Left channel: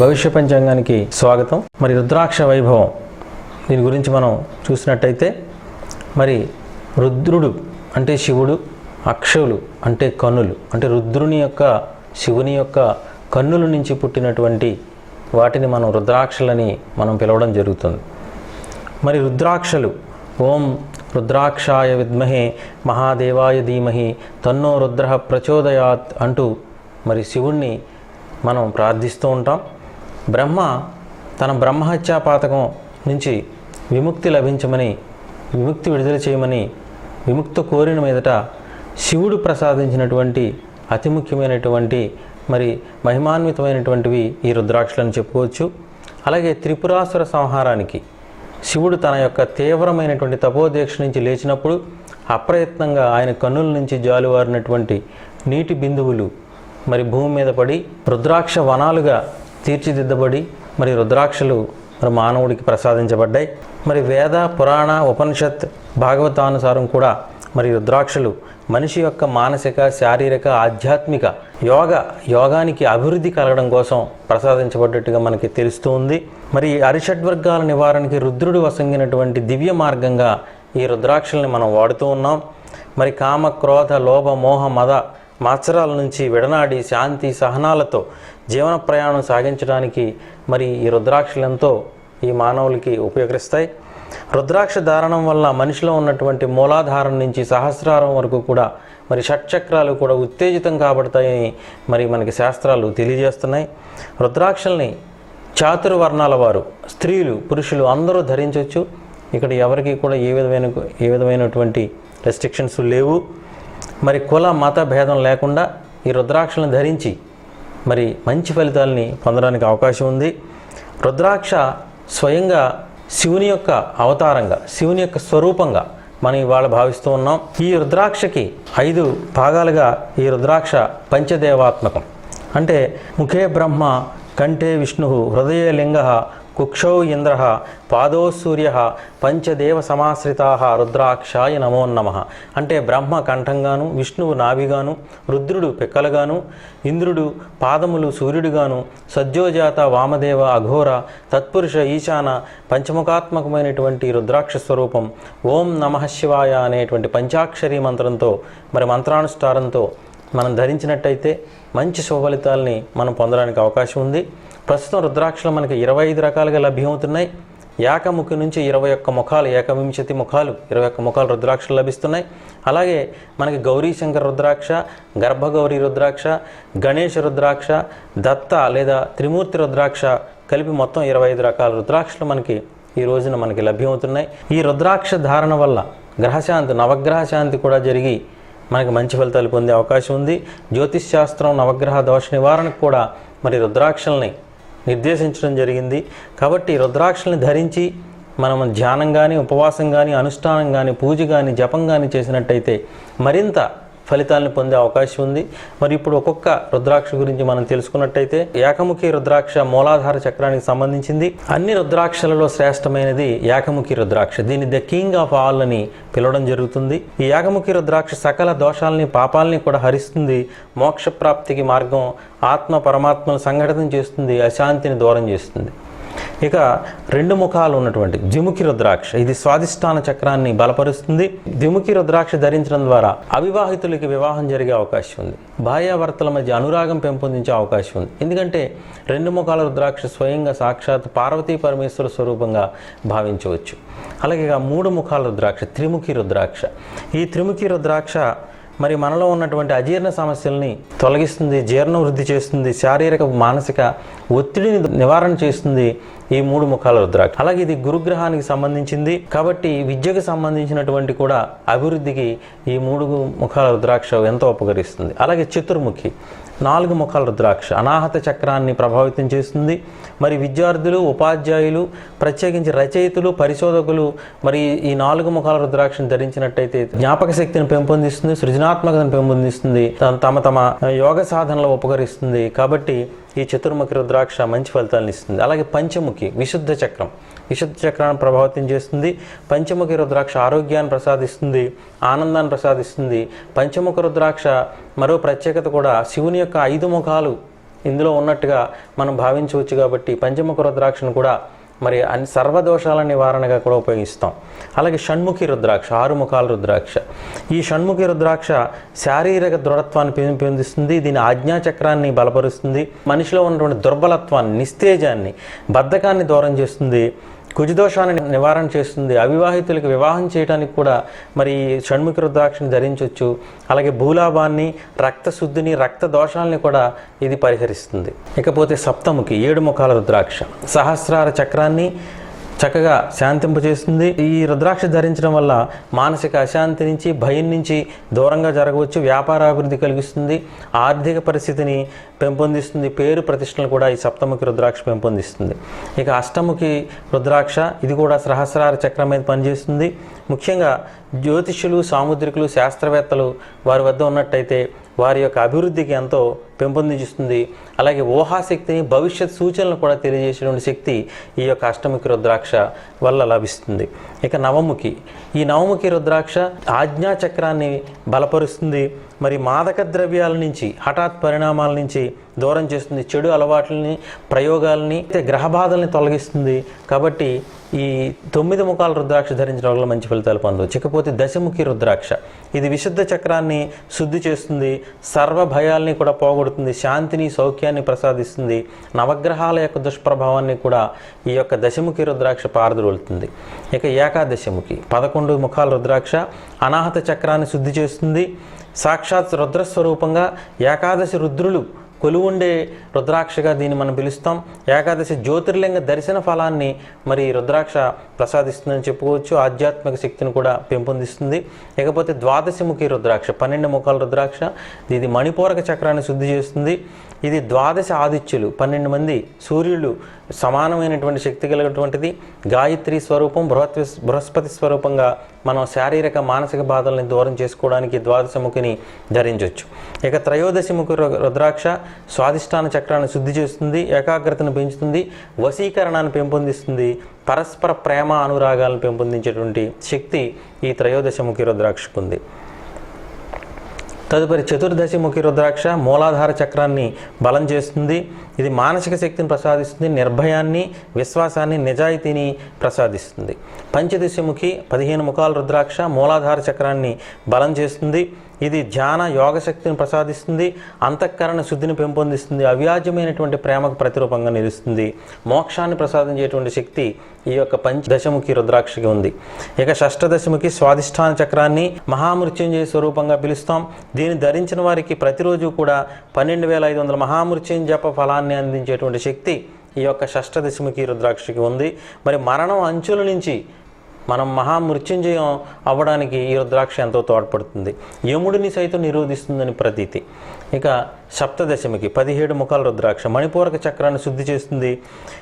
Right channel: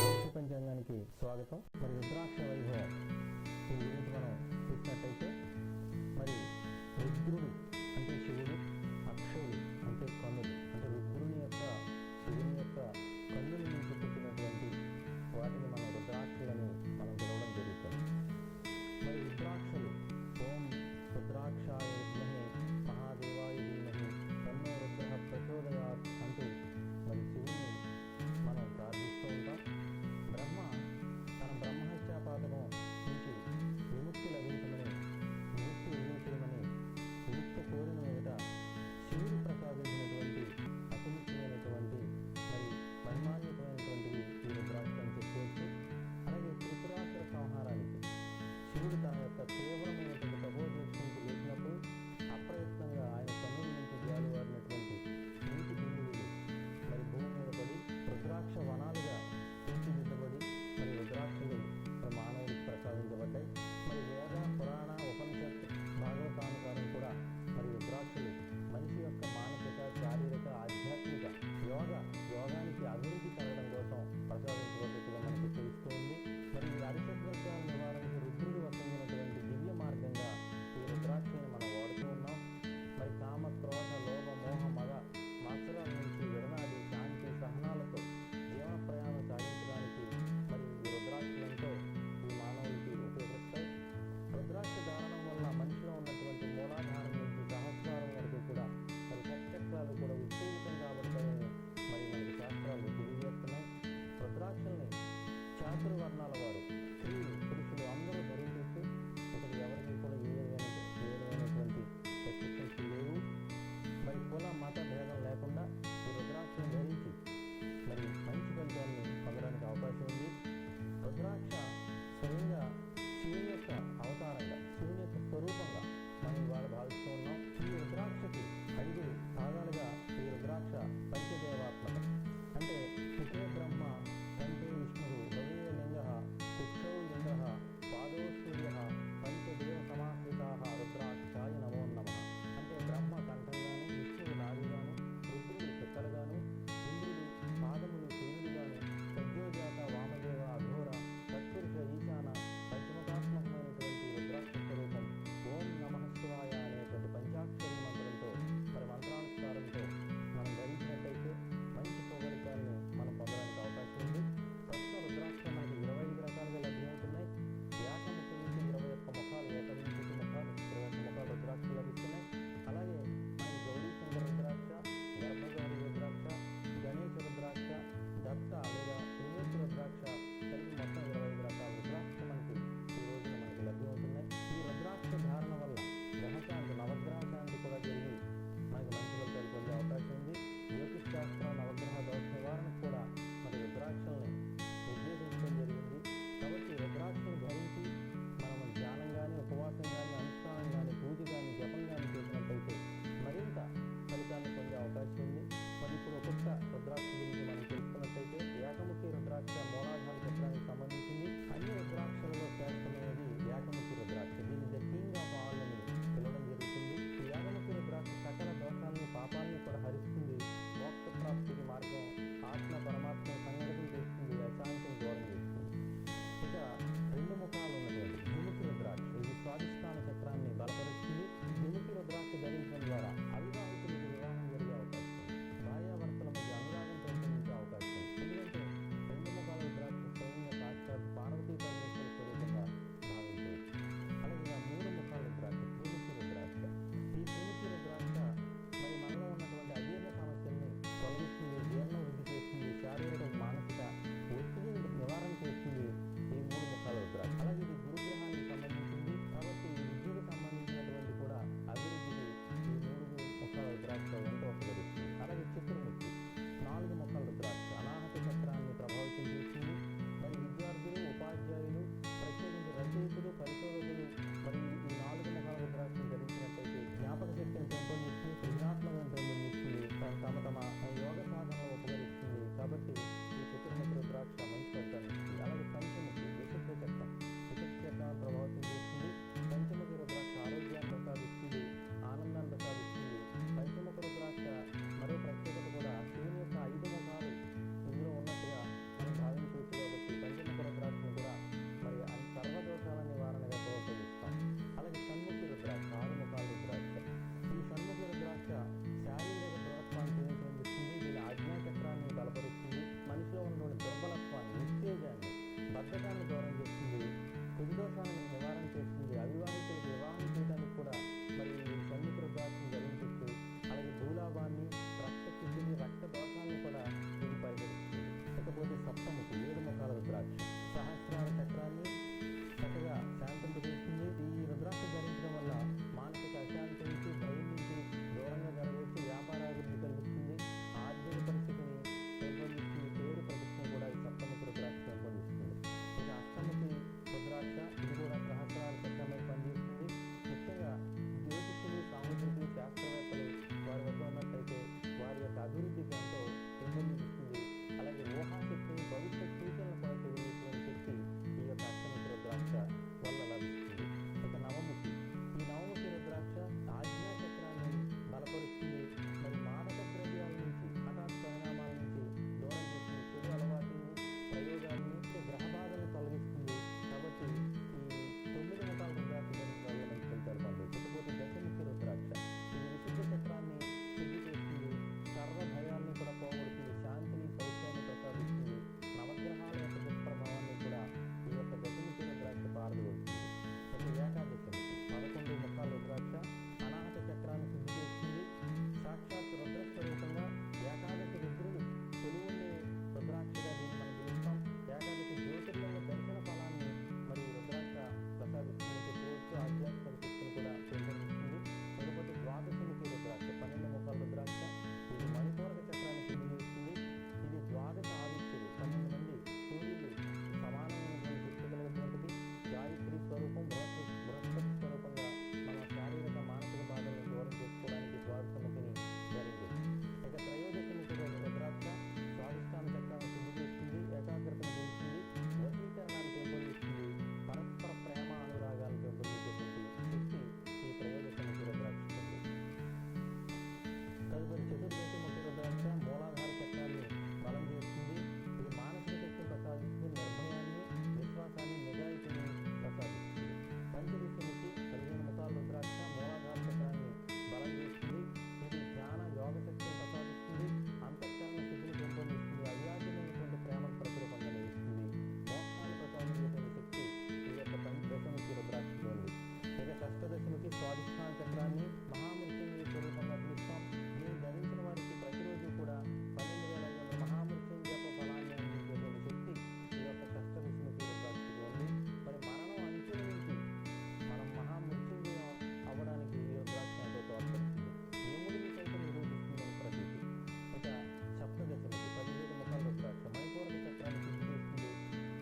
భవిష్య పంచాంగానికి స్వాగతం. మరి రుద్రాక్ష వైభవం దీని గురించి మనం చూసినట్టయితే మరి రుద్రుడు అంటే శివుడు అక్షవులు అంటే కన్నులు. అంటే రుద్రుని యొక్క శివుని యొక్క కన్నుల నుంచి పుట్టినటువంటి వాటిని మనం రుద్రాక్షలని మనం పిలవడం జరుగుతుంది. మరి రుద్రాక్షలు ఓం రుద్రాక్షాయ విద్మహే మహాదేవాయ ధీమహి తన్నో రుద్ర ప్రచోదయాత్ అంటూ మరి శివుణ్ణి మనం ప్రార్థిస్తూ ఉంటాం. బ్రహ్మ తన బ్రహ్మహత్యా పాతకం నుంచి విముక్తి లభించమని విముక్తి విడుదల చేయమని విముక్త కోరిన మీదట శివుడు ప్రసాదించినటువంటి అతి ముఖ్యమైనటువంటి మరి మహిమాన్వితమైనటువంటివి ఈ రుద్రాక్షలను చెప్పుకోవచ్చు. అలాగే త్రిపురాసుర సంహారానికి శివుడు తన యొక్క తీవ్రమైనటువంటి తపోదీక్ష నుంచి లేచినప్పుడు అప్రయత్నంగా ఆయన కన్నుల నుంచి జాలువారినటువంటి నీటి బిందువులు మరి భూమి మీద పడి రుద్రాక్ష వనాలుగా తీర్చిదిద్దబడి మరి రుద్రాక్షలు మరి మానవుడికి ప్రసాదించబడ్డాయి. మరి వేద పురాణ ఉపనిషత్ భాగవతానుసారం కూడా మరి రుద్రాక్షలు మనిషి యొక్క మానసిక శారీరక ఆధ్యాత్మిక యోగ యోగానికి అభివృద్ధి కలగడం కోసం ప్రసాదించబడ్డట్టుగా మనకి తెలుస్తూ ఉంది. మరి అరిషడ్వర్గాల నివారణకి రుద్రుడు వసంగినటువంటి దివ్య మార్గంగా ఈ రుద్రాక్షల్ని మనం వాడుతూ ఉన్నాం. మరి కామ క్రోధ లోభ మోహ మద మాత్సరాల నుంచి విడనాడి శాంతి సహనాలతో జీవన ప్రయాణం సాగించడానికి మరి ఈ రుద్రాక్షలు ఎంతో ఈ మానవులకి ఉపయోగిస్తాయి రుద్రాక్ష ధారణం వల్ల మనిషిలో ఉన్నటువంటి మూలాధారం నుంచి సహస్రారం వరకు కూడా మరి షట్చక్రాలు కూడా ఉత్తేజితం కాబడతాయని మరి మనకి శాస్త్రాలు తెలియజేస్తున్నాయి. రుద్రాక్షల్ని చాతుర్వర్ణాల వారు స్త్రీలు పురుషులు అందరూ ధరించవచ్చు ఇక్కడ ఎవరికి కూడా ఏ విధమైన ఏ విధమైనటువంటి రెస్ట్రిక్షన్స్ లేవు. మరి కుల మత భేదం లేకుండా ఈ రుద్రాక్షలను ధరించి మరి మంచి ఫలితాలని పొందడానికి అవకాశం ఉంది. రుద్రాక్ష స్వయంగా శివుని యొక్క అవతారంగా శివుని యొక్క స్వరూపంగా మనం ఇవాళ భావిస్తూ ఉన్నాం. ఈ రుద్రాక్షకి ఐదు భాగాలుగా ఈ రుద్రాక్ష పంచదేవాత్మకం. అంటే ముఖే బ్రహ్మ కంఠే విష్ణు హృదయే లింగ కుక్షౌ ఇంద్ర పాదో సూర్య పంచదేవ సమాశ్రితా రుద్రాక్షాయ నమో నమ. అంటే బ్రహ్మ కంఠంగాను విష్ణువు నాభిగాను రుద్రుడు పిక్కలుగాను ఇంద్రుడు పాదములు సూర్యుడుగాను సజ్జోజాత వామదేవ అఘోర తత్పురుష ఈశాన పంచముఖాత్మకమైనటువంటి రుద్రాక్ష స్వరూపం ఓం నమ శివాయ అనేటువంటి పంచాక్షరీ మంత్రంతో మరి మంత్రానుష్ఠారంతో మనం ధరించినట్టయితే మంచి శుభఫలితాలని మనం పొందడానికి అవకాశం ఉంది. ప్రస్తుతం రుద్రాక్షలు మనకి ఇరవై ఐదు రకాలుగా లభ్యమవుతున్నాయి. ఏకముఖి నుంచి ఇరవై ఒక్క ముఖాలు ఏకవింశతి ముఖాలు ఇరవై ఒక్క ముఖాలు రుద్రాక్షలు లభిస్తున్నాయి. అలాగే మనకి గౌరీశంకర రుద్రాక్ష గర్భగౌరి రుద్రాక్ష గణేష్ రుద్రాక్ష దత్త లేదా త్రిమూర్తి రుద్రాక్ష కలిపి మొత్తం ఇరవై ఐదు రకాల రుద్రాక్షలు మనకి ఈ రోజున మనకి లభ్యమవుతున్నాయి. ఈ రుద్రాక్ష ధారణ వల్ల గ్రహశాంతి నవగ్రహ శాంతి కూడా జరిగి మనకి మంచి ఫలితాలు పొందే అవకాశం ఉంది. జ్యోతిష్ శాస్త్రం నవగ్రహ దోష నివారణకు కూడా మరి రుద్రాక్షల్ని నిర్దేశించడం జరిగింది. కాబట్టి రుద్రాక్షల్ని ధరించి మనం ధ్యానం కానీ ఉపవాసం కానీ అనుష్ఠానం కానీ పూజ కానీ జపం కానీ చేసినట్టయితే మరింత ఫలితాలను పొందే అవకాశం ఉంది. మరి ఇప్పుడు ఒక్కొక్క రుద్రాక్ష గురించి మనం తెలుసుకున్నట్టయితే ఏకముఖి రుద్రాక్ష మూలాధార చక్రానికి సంబంధించింది. అన్ని రుద్రాక్షలలో శ్రేష్టమైనది ఏకముఖి రుద్రాక్ష. దీన్ని ద కింగ్ ఆఫ్ ఆల్ అని పిలవడం జరుగుతుంది. ఈ ఏకముఖి రుద్రాక్ష సకల దోషాలని పాపాలని కూడా హరిస్తుంది. మోక్ష ప్రాప్తికి మార్గం ఆత్మ పరమాత్మను సంఘటన చేస్తుంది. అశాంతిని దూరం చేస్తుంది. ఇక రెండు ముఖాలు ఉన్నటువంటి ద్విముఖి రుద్రాక్ష. ఇది స్వాధిష్టాన చక్రాన్ని బలపరుస్తుంది. ద్విముఖి రుద్రాక్ష ధరించడం ద్వారా అవివాహితులకి వివాహం జరిగే అవకాశం ఉంది. భార్యాభర్తల మధ్య అనురాగం పెంపొందించే అవకాశం ఉంది. ఎందుకంటే రెండు ముఖాల రుద్రాక్ష స్వయంగా సాక్షాత్ పార్వతీ పరమేశ్వర స్వరూపంగా భావించవచ్చు. అలాగే ఇక మూడు ముఖాల రుద్రాక్ష త్రిముఖి రుద్రాక్ష. ఈ త్రిముఖి రుద్రాక్ష మరి మనలో ఉన్నటువంటి అజీర్ణ సమస్యల్ని తొలగిస్తుంది జీర్ణ వృద్ధి చేస్తుంది శారీరక మానసిక ఒత్తిడిని నివారణ చేస్తుంది ఈ మూడు ముఖాల రుద్రాక్ష. అలాగే ఇది గురుగ్రహానికి సంబంధించింది. కాబట్టి విద్యకు సంబంధించినటువంటి కూడా అభివృద్ధికి ఈ మూడు ముఖాల రుద్రాక్ష ఎంతో ఉపకరిస్తుంది. అలాగే చతుర్ముఖి. నాలుగు ముఖాల రుద్రాక్ష. అనాహత చక్రాన్ని ప్రభావితం చేస్తుంది. మరి విద్యార్థులు ఉపాధ్యాయులు ప్రత్యేకించి రచయితలు పరిశోధకులు మరి ఈ నాలుగు ముఖాల రుద్రాక్షను ధరించినట్టయితే జ్ఞాపక శక్తిని పెంపొందిస్తుంది సృజనాత్మకతను పెంపొందిస్తుంది తమ తమ యోగ సాధనలో ఉపకరిస్తుంది. కాబట్టి ఈ చతుర్ముఖి రుద్రాక్ష మంచి ఫలితాలను ఇస్తుంది. అలాగే పంచముఖి విశుద్ధ చక్రం. విశుద్ధ చక్రాన్ని ప్రభావితం చేస్తుంది. పంచముఖి రుద్రాక్ష ఆరోగ్యాన్ని ప్రసాదిస్తుంది ఆనందాన్ని ప్రసాదిస్తుంది. పంచముఖ రుద్రాక్ష మరో ప్రత్యేకత కూడా శివుని యొక్క ఐదు ముఖాలు ఇందులో ఉన్నట్టుగా మనం భావించవచ్చు కాబట్టి పంచముఖ రుద్రాక్షను కూడా మరి అన్ని సర్వదోషాల నివారణగా కూడా ఉపయోగిస్తాం. అలాగే షణ్ముఖి రుద్రాక్ష ఆరు ముఖాల రుద్రాక్ష. ఈ షణ్ముఖి రుద్రాక్ష శారీరక దృఢత్వాన్ని పెంపొందిస్తుంది దీని ఆజ్ఞాచక్రాన్ని బలపరుస్తుంది మనిషిలో ఉన్నటువంటి దుర్బలత్వాన్ని నిస్తేజాన్ని బద్ధకాన్ని దూరం చేస్తుంది కుజదోషాన్ని నివారణ చేస్తుంది. అవివాహితులకు వివాహం చేయడానికి కూడా మరి ఈ షణ్ముఖ రుద్రాక్షని ధరించవచ్చు అలాగే భూలాభాన్ని రక్తశుద్ధిని రక్త దోషాలని కూడా ఇది పరిహరిస్తుంది. ఇకపోతే సప్తముఖి ఏడు ముఖాల రుద్రాక్ష. సహస్రార చక్రాన్ని చక్కగా శాంతింపజేస్తుంది ఈ రుద్రాక్ష ధరించడం వల్ల మానసిక అశాంతి నుంచి భయం నుంచి దూరంగా జరగవచ్చు వ్యాపారాభివృద్ధి కలిగిస్తుంది ఆర్థిక పరిస్థితిని పెంపొందిస్తుంది పేరు ప్రతిష్టలు కూడా ఈ సప్తముఖి రుద్రాక్ష పెంపొందిస్తుంది. ఇక అష్టముఖి రుద్రాక్ష ఇది కూడా సహస్రార చక్రం మీద పనిచేస్తుంది. ముఖ్యంగా జ్యోతిష్యులు సాముద్రికులు శాస్త్రవేత్తలు వారి వద్ద ఉన్నట్టయితే వారి యొక్క అభివృద్ధికి ఎంతో పెంపొందించుతుంది అలాగే ఊహాశక్తిని భవిష్యత్ సూచనలు కూడా తెలియజేసేటువంటి శక్తి ఈ యొక్క అష్టముఖి రుద్రాక్ష వల్ల లభిస్తుంది. ఇక నవముఖి ఈ నవముఖి రుద్రాక్ష ఆజ్ఞా చక్రాన్ని బలపరుస్తుంది. మరి మాదక ద్రవ్యాల నుంచి హఠాత్ పరిణామాల నుంచి దూరం చేస్తుంది. చెడు అలవాట్లని ప్రయోగాలని అయితే గ్రహ బాధల్ని తొలగిస్తుంది. కాబట్టి ఈ తొమ్మిది ముఖాల రుద్రాక్ష ధరించిన వాళ్ళ మంచి ఫలితాలు పొందవచ్చు ఇకపోతే దశముఖి రుద్రాక్ష. ఇది విశుద్ధ చక్రాన్ని శుద్ధి చేస్తుంది సర్వ భయాల్ని కూడా పోగొడుతుంది శాంతిని సౌఖ్యాన్ని ప్రసాదిస్తుంది నవగ్రహాల యొక్క దుష్ప్రభావాన్ని కూడా ఈ యొక్క దశముఖి రుద్రాక్ష పారదొలుతుంది. ఇక ఏకాదశముఖి. పదకొండు ముఖాల రుద్రాక్ష అనాహత చక్రాన్ని శుద్ధి చేస్తుంది. సాక్షాత్ రుద్రస్వరూపంగా ఏకాదశి రుద్రులు కొలువుండే రుద్రాక్షగా దీన్ని మనం పిలుస్తాం. ఏకాదశి జ్యోతిర్లింగ దర్శన ఫలాన్ని మరి రుద్రాక్ష ప్రసాదిస్తుందని చెప్పుకోవచ్చు. ఆధ్యాత్మిక శక్తిని కూడా పెంపొందిస్తుంది. ఇకపోతే ద్వాదశిముఖి రుద్రాక్ష పన్నెండు ముఖాల రుద్రాక్ష ఇది మణిపూరక చక్రాన్ని శుద్ధి చేస్తుంది. ఇది ద్వాదశ ఆదిత్యులు పన్నెండు మంది సూర్యులు సమానమైనటువంటి శక్తి కలిగినటువంటిది. గాయత్రి స్వరూపం బృహత్ బృహస్పతి స్వరూపంగా మనం శారీరక మానసిక బాధల్ని దూరం చేసుకోవడానికి ద్వాదశముఖిని ధరించవచ్చు ఇక త్రయోదశిముఖి రు- రుద్రాక్ష స్వాధిష్టాన చక్రాన్ని శుద్ధి చేస్తుంది ఏకాగ్రతను పెంచుతుంది వశీకరణాన్ని పెంపొందిస్తుంది పరస్పర ప్రేమ అనురాగాలను పెంపొందించేటువంటి శక్తి ఈ త్రయోదశముఖి రుద్రాక్షకు తదుపరి చతుర్దశి ముఖి రుద్రాక్ష మూలాధార చక్రాన్ని బలం చేస్తుంది. ఇది మానసిక శక్తిని ప్రసాదిస్తుంది నిర్భయాన్ని విశ్వాసాన్ని నిజాయితీని ప్రసాదిస్తుంది. పంచదశముఖి పదిహేను ముఖాల రుద్రాక్ష మూలాధార చక్రాన్ని బలం చేస్తుంది. ఇది ధ్యాన యోగ శక్తిని ప్రసాదిస్తుంది. అంతఃకరణ శుద్ధిని పెంపొందిస్తుంది. అవ్యాజ్యమైనటువంటి ప్రేమకు ప్రతిరూపంగా నిలుస్తుంది. మోక్షాన్ని ప్రసాదించేటువంటి శక్తి ఈ యొక్క పంచదశముఖి రుద్రాక్షకి ఉంది. ఇక షష్టదశముఖి స్వాధిష్టాన చక్రాన్ని మహామృత్యుంజయ స్వరూపంగా పిలుస్తాం. దీన్ని ధరించిన వారికి ప్రతిరోజు కూడా పన్నెండు వేల ఐదు వందల మహామృత్యుంజప ఫలాన్ని అందించేటువంటి శక్తి ఈ యొక్క షష్టదశముఖి రుద్రాక్షకి ఉంది. మరి మరణం అంచుల నుంచి మనం మహామృత్యుంజయం అవ్వడానికి ఈ రుద్రాక్ష ఎంతో తోడ్పడుతుంది. యముడిని సైతం నిరోధిస్తుందని ప్రతీతి. ఇక సప్తదశమికి పదిహేడు ముఖాల రుద్రాక్ష. మణిపూరక చక్రాన్ని శుద్ధి చేస్తుంది.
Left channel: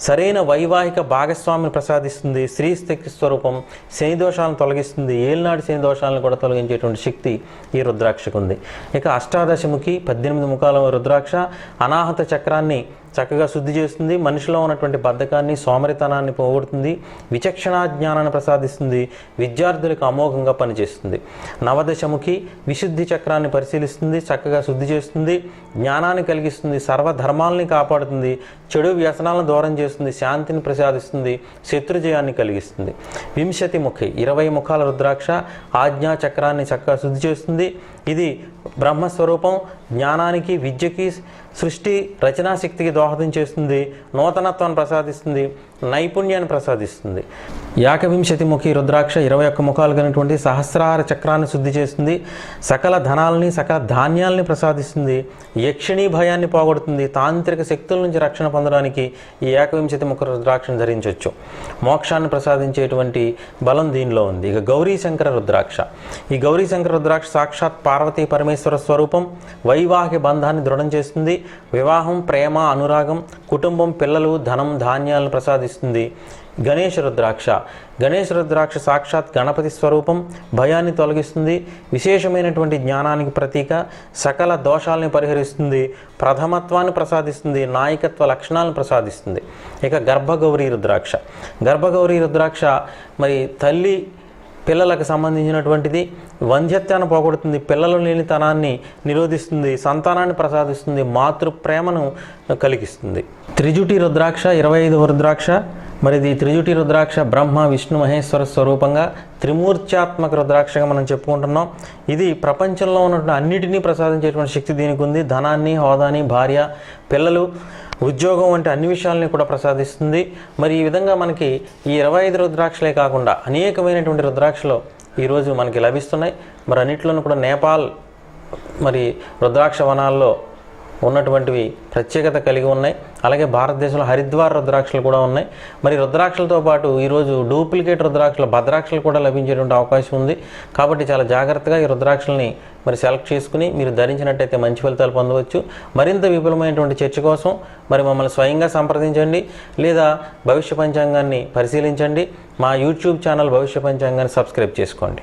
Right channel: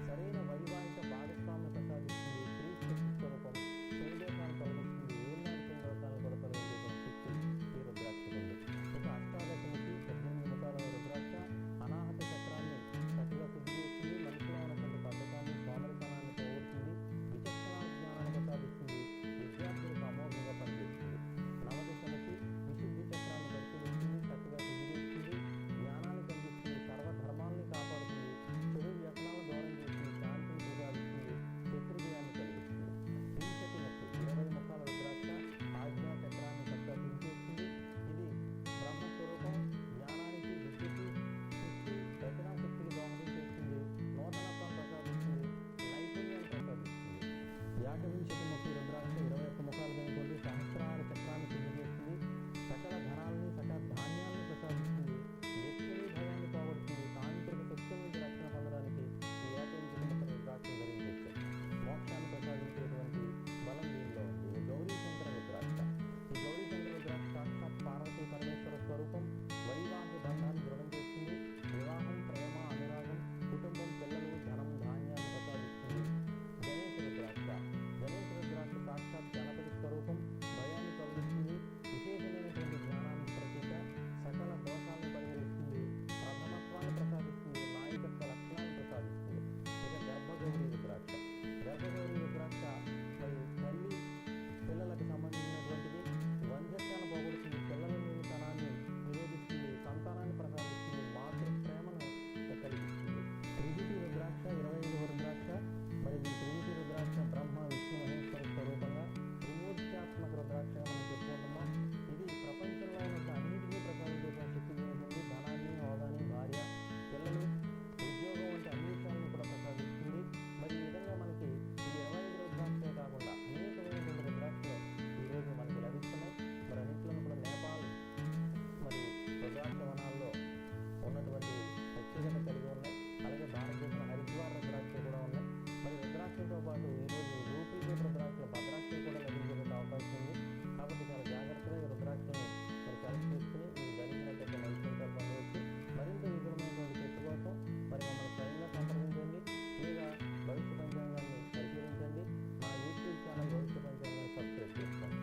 సరైన వైవాహిక భాగస్వామిని ప్రసాదిస్తుంది. స్త్రీ శక్తి స్వరూపం శని దోషాలను తొలగిస్తుంది. ఏలినాటి శని దోషాలను కూడా తొలగించేటువంటి శక్తి ఈ రుద్రాక్షకు ఉంది. ఇక అష్టాదశముఖి పద్దెనిమిది ముఖాల రుద్రాక్ష అనాహత చక్రాన్ని చక్కగా శుద్ధి చేస్తుంది. మనిషిలో ఉన్నటువంటి బద్ధకాన్ని సోమరితనాన్ని పోగొడుతుంది. విచక్షణా జ్ఞానాన్ని ప్రసాదిస్తుంది. విద్యార్థులకు అమోఘంగా పనిచేస్తుంది. నవదశముఖి విశుద్ధి చక్రాన్ని పరిశీలిస్తుంది. చక్కగా శుద్ధి చేస్తుంది. జ్ఞానాన్ని కలిగిస్తుంది సర్వధర్మాలని కాపాడుతుంది చెడు వ్యసనాలను దూరం చేస్తుంది శాంతిని ప్రసాదిస్తుంది శత్రుజయాన్ని కలిగిస్తుంది. వింశతి ముఖి ఇరవై ముఖాల రుద్రాక్ష ఆజ్ఞా చక్రాన్ని చక్కగా శుద్ధి చేస్తుంది. ఇది బ్రహ్మస్వరూపం జ్ఞానానికి విద్యకి సృష్టి రచనాశక్తికి దోహదం చేస్తుంది నూతనత్వాన్ని ప్రసాదిస్తుంది నైపుణ్యాన్ని ప్రసాదిస్తుంది. యాకవింశతి ముఖి రుద్రాక్ష ఇరవై ఒక్క ముఖాలు కలిగినటువంటి సహస్రార చక్రాన్ని శుద్ధి చేస్తుంది. సకల ధనాల్ని సకల ధాన్యాల్ని ప్రసాదిస్తుంది. యక్షిణీ భయాన్ని పోగొడుతుంది. తాంత్రిక శక్తుల నుంచి రక్షణ పొందడానికి ఈ ఏకవింశతి ముఖ రుద్రాక్షను ధరించవచ్చు మోక్షాన్ని ప్రసాదించేటువంటి బలం దీనిలో ఉంది. ఇక గౌరీ శంకర రుద్రాక్ష. ఈ గౌరీ శంకర రుద్రాక్ష సాక్షాత్ పార్వతీ పరమేశ్వర స్వరూపం వైవాహిక బంధాన్ని దృఢం చేస్తుంది. వివాహం ప్రేమ అనురాగం కుటుంబం పిల్లలు ధనం ధాన్యాలను ప్రసాదిస్తుంది. గణేష రుద్రాక్ష. గణేష రుద్రాక్ష సాక్షాత్ గణపతి స్వరూపం భయాన్ని తొలగిస్తుంది. విశేషమైనటువంటి జ్ఞానానికి ప్రతీక సకల దోషాలని పరిహరిస్తుంది. ప్రథమత్వాన్ని ప్రసాదిస్తుంది. నాయకత్వ లక్షణాలను ప్రసాదిస్తుంది. ఇక గర్భగౌరీ రుద్రాక్ష. గర్భగౌరీ రుద్రాక్ష మరి తల్లి పిల్లలకు సంబంధించినటువంటిది వంధ్యత్యాన్ని పోగొడుతుంది. పిల్లలు లేని తనాన్ని నిరోధిస్తుంది. సంతానాన్ని ప్రసాదిస్తుంది. మాతృ ప్రేమను కలిగిస్తుంది. త్రిజుటి రుద్రాక్ష ఇరవై ఐదు రుద్రాక్ష. మరి ఇది త్రిజుటి రుద్రాక్ష బ్రహ్మ విష్ణు మహేశ్వర స్వరూపంగా త్రిమూర్త్యాత్మక రుద్రాక్షగా మనం చెప్పుకుంటున్నాం. ఇది ప్రపంచంలో ఉన్నటువంటి అన్నిటినీ ప్రసాదించేటువంటి శక్తి దీనికి ఉంది. ధనాన్ని హోదాని భార్య పిల్లలు ఉద్యోగం వంటి అన్ని విషయాలని కూడా ప్రసాదిస్తుంది. మరి ఈ విధంగా మనకి ఈ ఇరవై ఐదు రుద్రాక్షలే కాకుండా అనేకమైనటువంటి రుద్రాక్షలు ఈరోజు మనకి లభిస్తున్నాయి. మరి అన్నిట్లోనూ కూడా నేపాల్ మరి రుద్రాక్ష వనాల్లో ఉన్నటువంటివి ప్రత్యేకత కలిగి ఉన్నాయి. అలాగే భారతదేశంలో హరిద్వార్ రుద్రాక్షలు కూడా ఉన్నాయి. మరి రుద్రాక్షలతో పాటు ఈరోజు డూప్లికేట్ రుద్రాక్షలు భద్రాక్షలు కూడా లభించేటువంటి అవకాశం ఉంది. కాబట్టి చాలా జాగ్రత్తగా ఈ రుద్రాక్షల్ని మరి సెలెక్ట్ చేసుకుని మీరు ధరించినట్టయితే మంచి ఫలితాలు పొందవచ్చు. మరింత విపులమైనటువంటి చర్చ కోసం మరి మమ్మల్ని స్వయంగా సంప్రదించండి. లేదా భవిష్య పంచాంగాన్ని పరిశీలించండి. మా యూట్యూబ్ ఛానల్ భవిష్య పంచాంగాన్ని సబ్స్క్రైబ్ చేసుకోండి.